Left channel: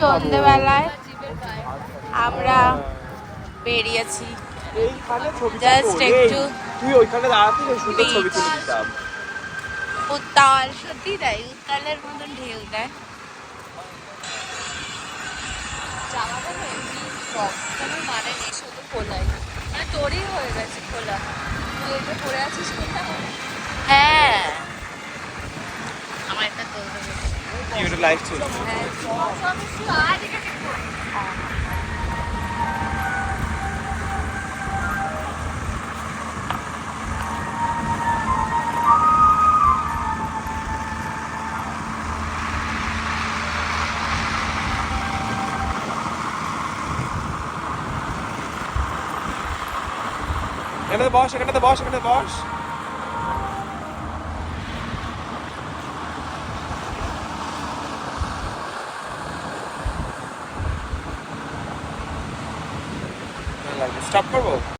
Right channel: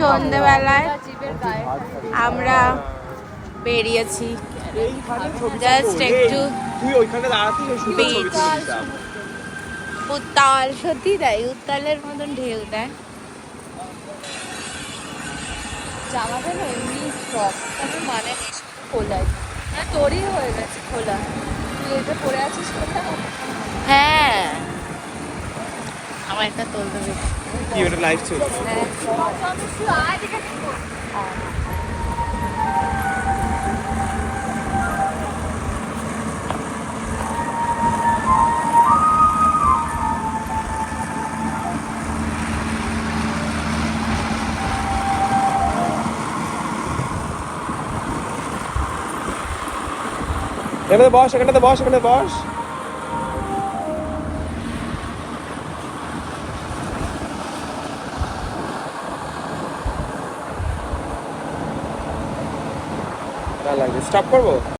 সন্ধ্যেবেলায় আমরা বেরিয়েছি জাস্ট একটু উত্তাল, সত্যি তাই, উত্তালের মতন ঢেউ দেয়। হ্যাঁ, আমার একটা কি ওটা লাইভ চলছে? এখানে বস, এখানে বস, এখানে বস। লাগবে, স্টপ করবো।